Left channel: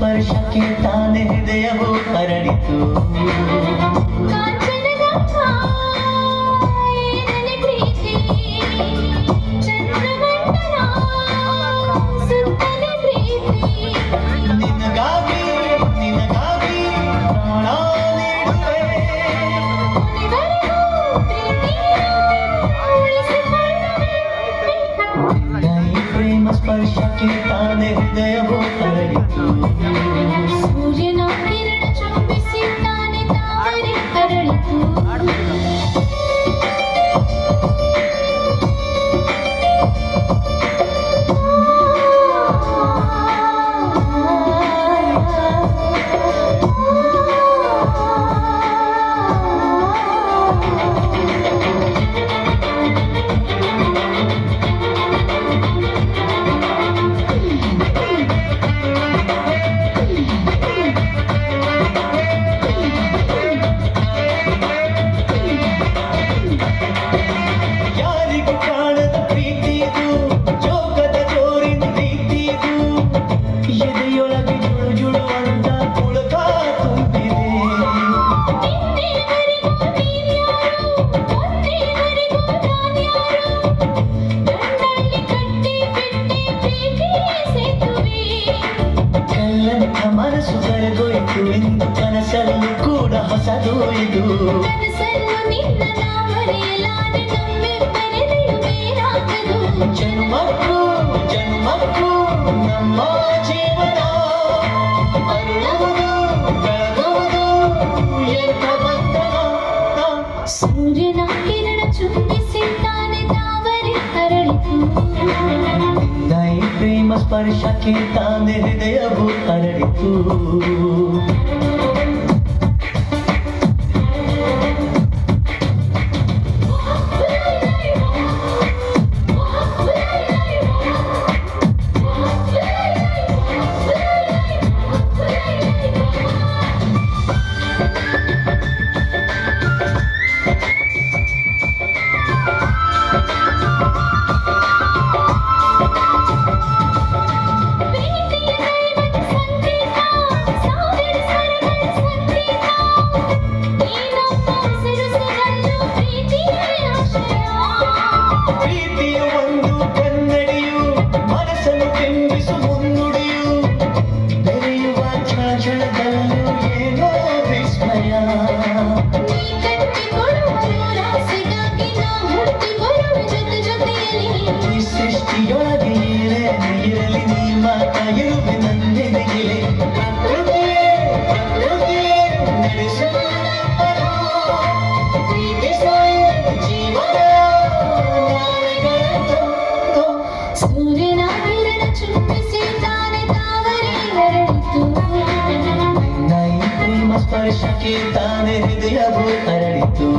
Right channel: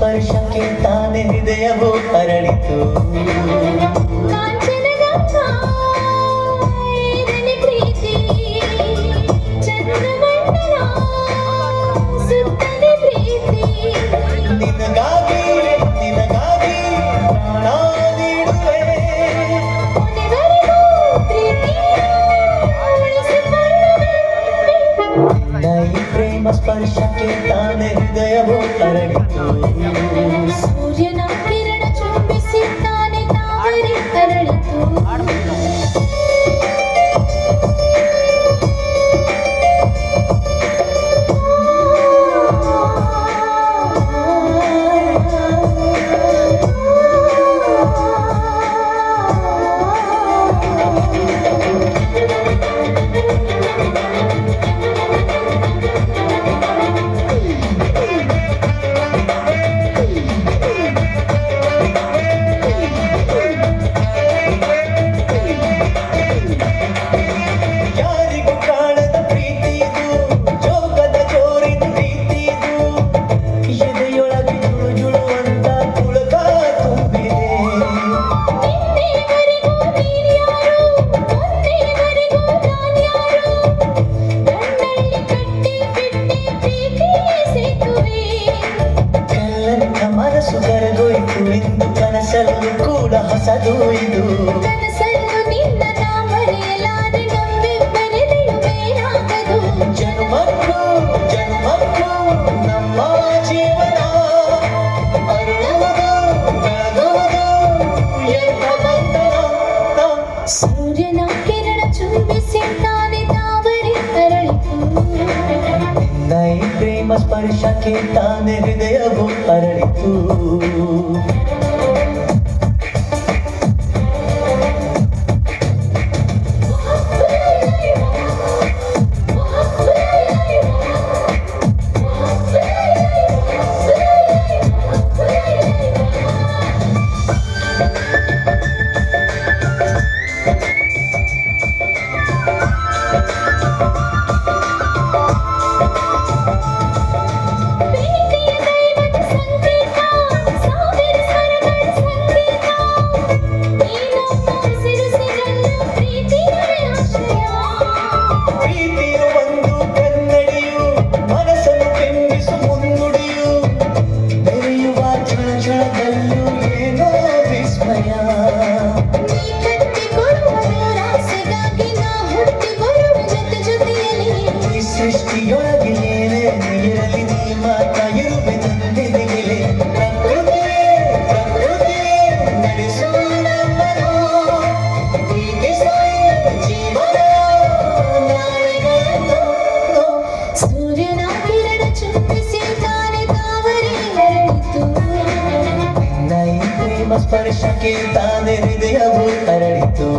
ಸ್ಪರ್ಶಕ್ಕೆ ತಾನೇ ಹೃದಯವು ಅರಳಿತು ಸ್ಪರ್ಶಕ್ಕೆ ತಾನೇ ಹೃದಯವು ಅರಳಿತು ಸೂರ್ಯನ ಕಿರಣ ಚುಂಬಿಸಿ ತಾನೇ ತಾವರೆ ಅರಳಿತು ಮನಸ್ಸು ಕರೆದೊಯ್ತು ಎಂದು ಕನಸಲ್ಲೂ ಕೂಡ ಹೊಸದು ಇದು ಕನಸಲ್ಲೂ ನಿನ್ನ ನಾ ಮರೆಯಲಾರೆ ನಮ್ಮಿಬ್ಬರ ನಡುವೇನಾಗದು ಜನ್ಮಕ್ಕೂ ಜನ್ಮಕ್ಕೂ ನಮ್ಮ ಜೀವನ ಅರುಳುವುದು ಬೆಳಗುವುದು ಎಂಥ ಬಂಧನ ಸೂರ್ಯನ ಕಿರಣ ಚುಂಬಿಸಿ ತಾನೇ ತಾವರೆ ಅರಳಿತು ನಿನ್ನ ಈ ಪ್ರೇಮ ಸ್ಪರ್ಶಕ್ಕೆ ತಾನೇ ಹೃದಯವು ಅರಳಿತು ಸೂರ್ಯನ ಕಿರಣ ಚುಂಬಿಸಿ ತಾನೇ ತಾವರೆ ಅರಳಿತು ನಿನ್ನ ಈ ಪ್ರೇಮ ಸ್ಪರ್ಶಕ್ಕೆ ತಾನೇ ಹೃದಯವು ಅರಳಿತು